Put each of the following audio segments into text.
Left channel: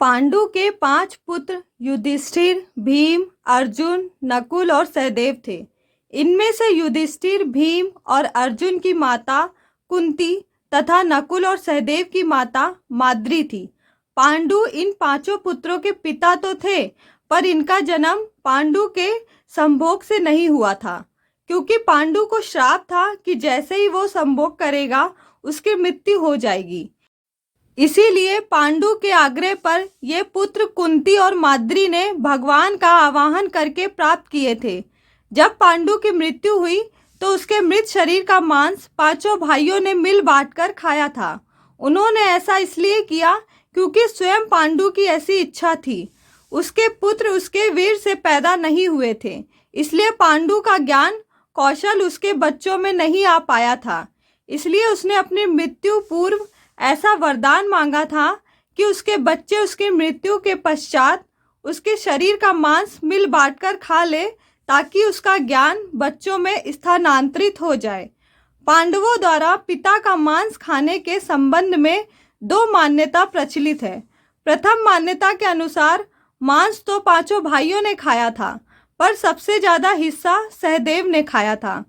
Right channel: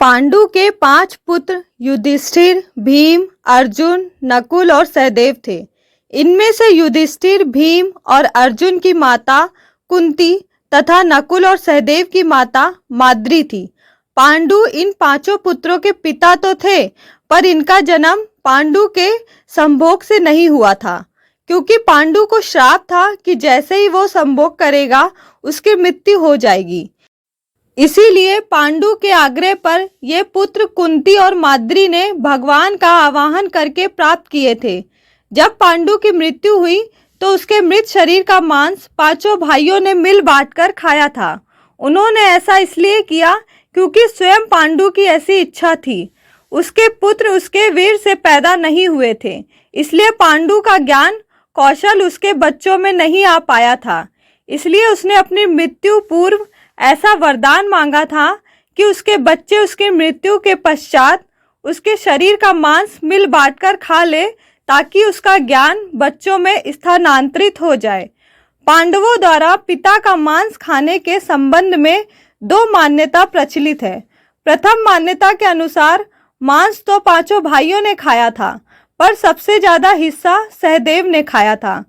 पांडु के 5 पुत्र युधिष्ठिर, भीम, अर्जुन, नकुल और सहदेव थे। इनमें से युधिष्ठिर, भीम और अर्जुन की माता कुंती तथा नकुल और सहदेव की माता माद्री थी। पांडु इन 5 पुत्रों के पिता तो थे, पर इनका जन्म पांडु के संभोग से नहीं हुआ था, क्योंकि पांडु को श्राप था कि जैसे ही वो संभोग करेगा उसकी मृत्यु हो जाएगी। इसीलिए पांडु के आग्रह पर ये पुत्र कुंती और माद्री ने भगवान का आवाहन करके प्राप्त किए थे। जब पांडु की मृत्यु हुई तो उसके मृत शरीर का मांस 5 भाइयों ने मिल बांटकर खाया था। उन्होंने ऐसा इसलिए किया क्योंकि स्वयं पांडु की ऐसी इच्छा थी। उसके पुत्र उसके वीर से पैदा नहीं हुए थे, इसलिए पांडु का ज्ञान कौशल उसके बच्चों में नहीं आ पाया था। इसलिए उसने अपनी मृत्यु पूर्व ऐसा वरदान मांगा था कि उसके बच्चे उसकी मृत्यु के पश्चात उसके शरीर का मांस मिल बांटकर खा ले, ताकि उसका ज्ञान बच्चों में स्थानांतरित हो जाए। पांडवों द्वारा पिता का मांस खाने के संबंध में 2 मान्यता प्रचलित है। प्रथम मान्यता के अनुसार मांस तो 5 भाइयों ने खाया था, पर सबसे ज्यादा हिस्सा सहदेव ने खाया था,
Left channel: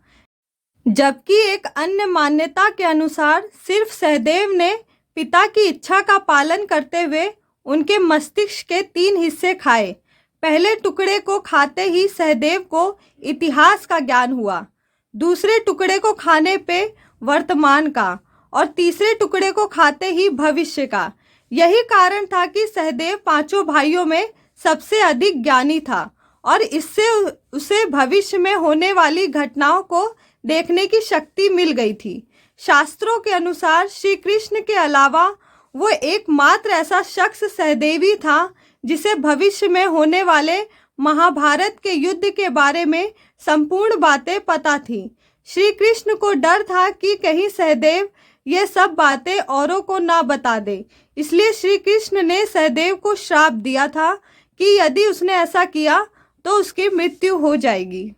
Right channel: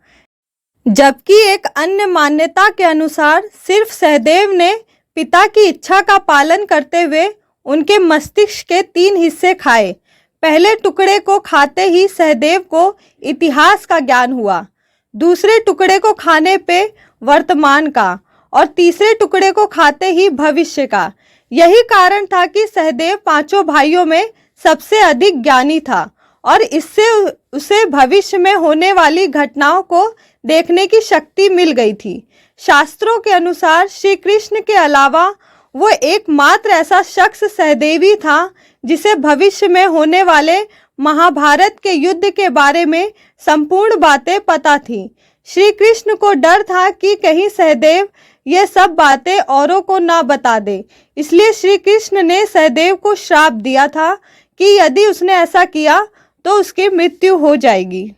जबकि एक अन्य मान्यता के अनुसार सिर्फ सहदेव ने पिता की इच्छा का पालन करते हुए उनके मस्तिष्क के 3 हिस्से खाए। पहले टुकड़े को खाते ही सहदेव को इतिहास का ज्ञान हुआ, दूसरे टुकड़े को खाने पे वर्तमान का, और तीसरे टुकड़े को खाते ही भविष्य का। यही कारण था कि सहदेव 5 भाइयों में सबसे अधिक ज्ञानी था, और इससे उसे भविष्य में होने वाली घटनाओं को देखने की शक्ति मिल गई थी। शास्त्रों के अनुसार श्री कृष्ण के अलावा वो एकमात्र ऐसा शख्स सहदेवी था जिसे भविष्य में होने वाले महाभारत के युद्ध के बारे में संपूर्ण बातें पता थी। श्री कृष्ण को डर था कि कहीं सहदेव ये सब बातें औरों को ना बता दे, इसलिए श्री कृष्ण ने सहदेव को श्राप दिया था कि यदि उसने ऐसा किया तो उसकी मृत्यु हो जाएगी।